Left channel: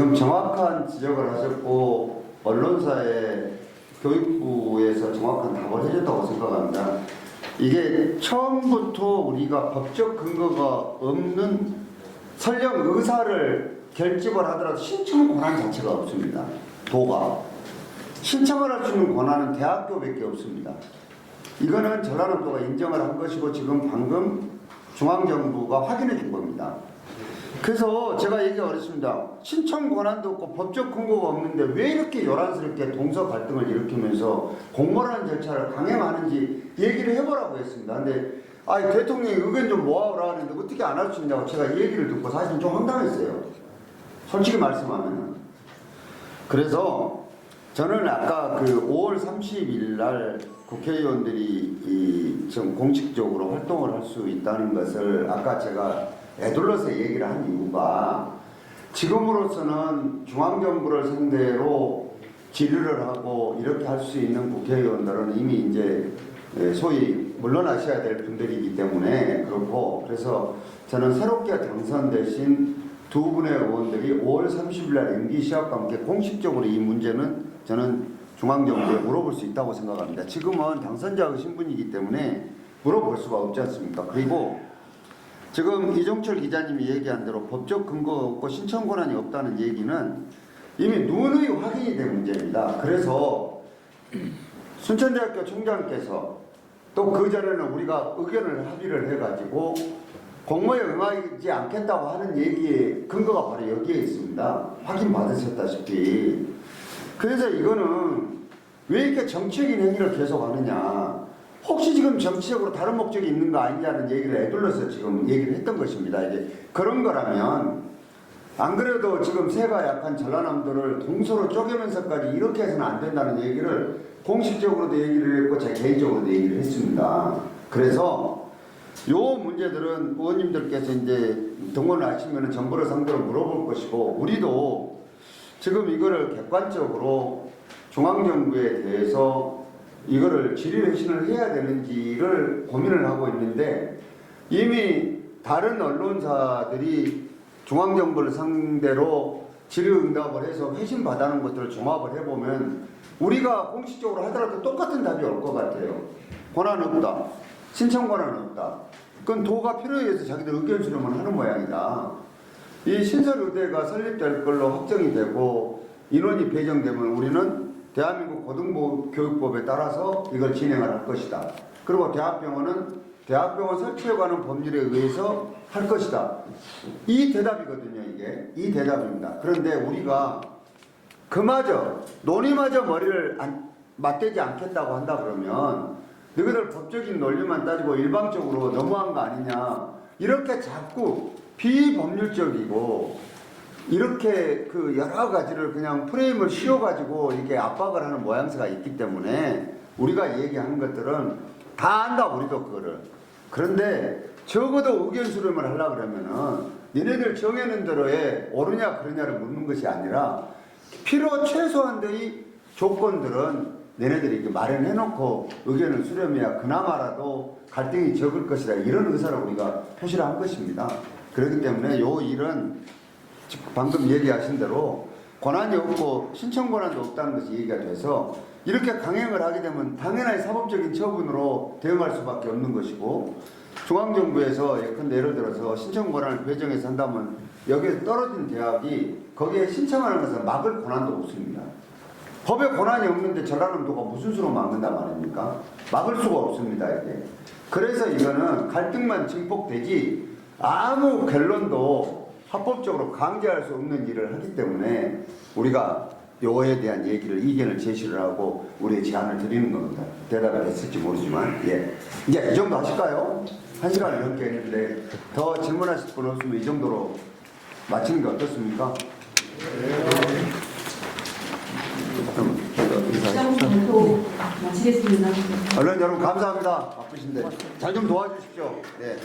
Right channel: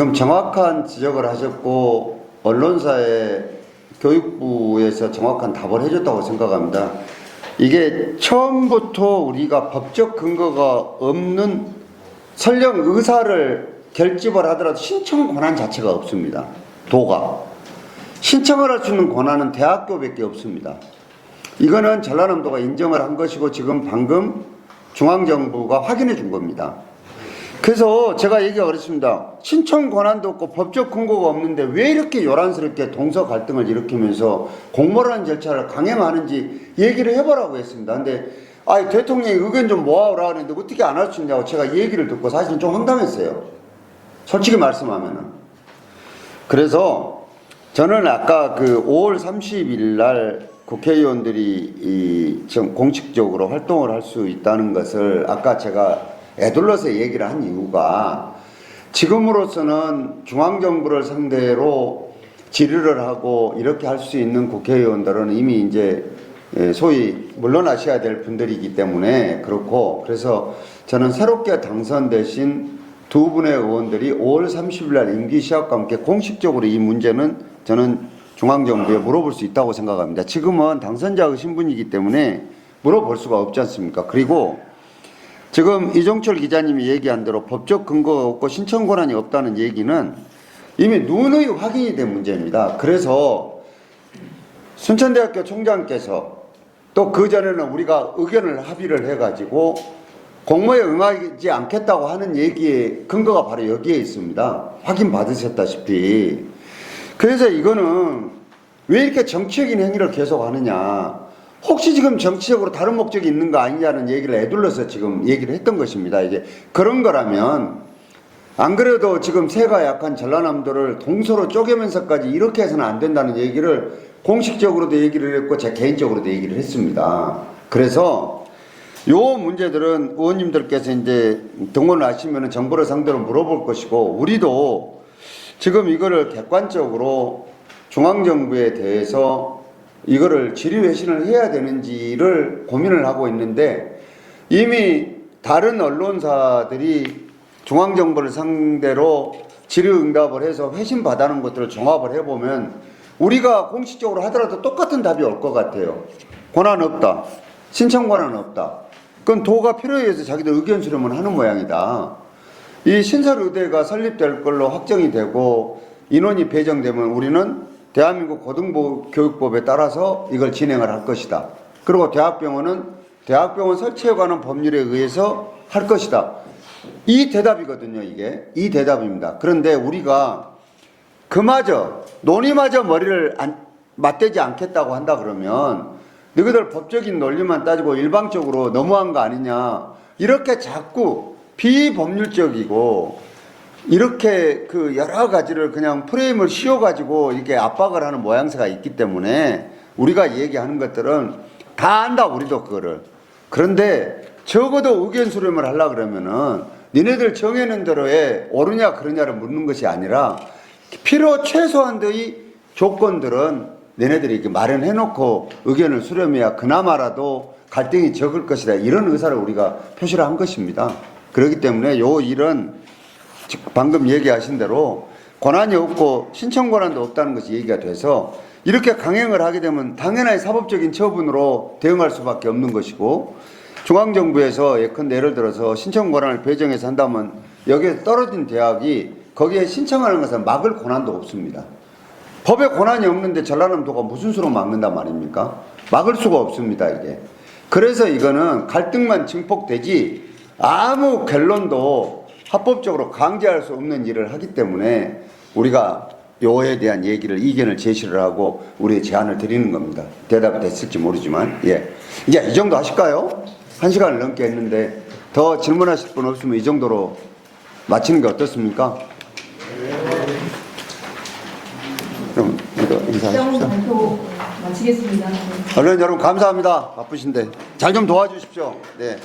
지금 정확한 지적을 하셨고 언론사에 교육부에서 정확한 답을 해줬다고 생각합니다. 이게 처음부터 우리가 법적 근거가 없는 설령 의사를 결집을 하더라도 신청 권한 자체가 없습니다. 도가. 신청을 할 수 있는 권한은 대학교밖에 없습니다. 이거는 전라남도가 인정을 한 것이고 지금 방금 중앙정부가 확인해 준 겁니다. 그래서 제가 얘기가 그렇습니다. 신청 권한도 없고 법적 근거가 없는데 왜 이렇게 요란스럽게 동서 갈등을 일으키면서 공모라는 절차를 강행하는지 얘기를 해보라고 했습니다. 근데 대통령이 의견 좀 모아오라 하는데 어떻게 안 할 수 있냐고 제가 얘기를 듣고 사실 좀 황당했어요. 솔직히 말씀하면은. 그래서 저는 아까 그 5월 30일 날 국회의원들이 공식적으로 활동을 할 수 있다는 것을 아까 제가 애둘러서 얘기를 한 이유가 지금으로서는 중앙정부를 상대로 질의를 하고 이렇게 할 수 있는 국회의원들은 이미 이제 소위 물러나셔야 될 분들이기 때문에 그렇고, 그래서 저는 새롭게 당선되신 두 분의 의원들이 5월 30일 날 임기 시작과 함께 공식적으로 이 문제는 저는 중앙정부에 물어볼 수 있다고 생각합니다. 지금은 당선자의 신분이기 때문에 물어볼 수가 없지 않습니까? 그리고 지금 이종철 기자님이 얘기한 대로 법적 근거가 없고 신청 권한이 없다는 얘기는 이미 누누이 확인이 된 문제입니다. 그래서 순천대학교 총장께서 또 그전에는 우리가 의견을 합의를 해가지고 공모에 응하지 않겠다고 하는 얘기의 근거가 바로 여기에 있습니다. 확인 받으셨다시피. 그래서 이거는 왜 이렇게 정치적인 행위를 계속 하느냐. 혹시 지금 정치적으로 다른 목적이 있는 거 아니냐는 얘기를 애둘러서 지금 얘기를 했던 것입니다. 이제 그런 거라면 안 그래도 지금 세가 약한 전라남도를 동서로 쪼개면서까지 이렇게 해서는 안 된다는 얘기를 공식적으로도 얘기를 했고 제 개인적으로도 얘기를 했습니다. 그래서 요 문제들은 의원님들께서 이제 등원을 하시면 정부를 상대로 물어볼 것이고, 우리도 지금 이거를 객관적으로 중앙정부에 대해서 이거를 질의회신을 해야 되는지를 고민을 하고 있는데, 이미 다른 언론사들이 중앙정부를 상대로 질의응답을 해서 회신 받아는 것들을 종합을 해보면 우리가 공식적으로 하더라도 똑같은 답이 올 것 같아요. 권한 없다. 신청 권한 없다. 그건 도가 필요에 의해서 자기들 의견 수렴을 하는 모양이다. 이 신설의대가 설립될 걸로 확정이 되고 인원이 배정되면 우리는 대한민국 고등교육법에 따라서 이걸 진행을 할 것이다. 그리고 대학병원은 대학병원 설치에 관한 법률에 의해서 할 것이다. 이 대답이거든요, 이게. 이 대답입니다. 그런데 우리가 그마저, 논의마저 머리를 맞대지 않겠다고 한다 그러면 너희들 법적인 논리만 따지고 일방적으로 너무한 거 아니냐. 이렇게 자꾸 비법률적이고 이렇게 그 여러 가지를 그냥 프레임을 씌워가지고 이렇게 압박을 하는 모양새가 있기 때문에 우리가 얘기하는 것들은 다 안다, 우리도 그거를. 그런데 적어도 의견 수렴을 하려고 그러면은 니네들 정해놓은 대로에 옳으냐 그러냐를 묻는 것이 아니라 필요 최소한의 조건들은 너네들이 이렇게 마련해놓고 의견을 수렴해야 그나마라도 갈등이 적을 것이다. 이런 의사를 우리가 표시를 한 것입니다. 그렇기 때문에 요 일은 방금 얘기하신 대로 권한이 없고 신청 권한도 없다는 것이 얘기가 돼서 이렇게 강행을 하게 되면 당연히 사법적인 처분으로 대응할 수밖에 없는 것이고, 중앙정부에서 예컨대 예를 들어서 신청 권한을 배정해서 한다면 여기에 떨어진 대학이 거기에 신청하는 것을 막을 권한도 없습니다. 법에 권한이 없는데 전라남도가 무슨 수로 막는단 말입니까? 막을 수가 없습니다, 이게. 그래서 이거는 갈등만 증폭되지 아무 결론도 합법적으로 강제할 수 없는 일을 하기 때문에 우리가 요에 대한 얘기를, 이견을 제시를 하고 우리의 제안을 드리는 겁니다. 대답이 됐을지 모르지만. 예. 이제 이 정도 하실까요? 1시간을 넘게 했는데 더 질문하실 분 없으면 이 정도로 마치는 게 어떻습니까? 그럼 인사하십시오. 발표 마치겠습니다. 언론 여러분 감사합니다. 바쁘신데 잘 좀 도와주십시오. 네.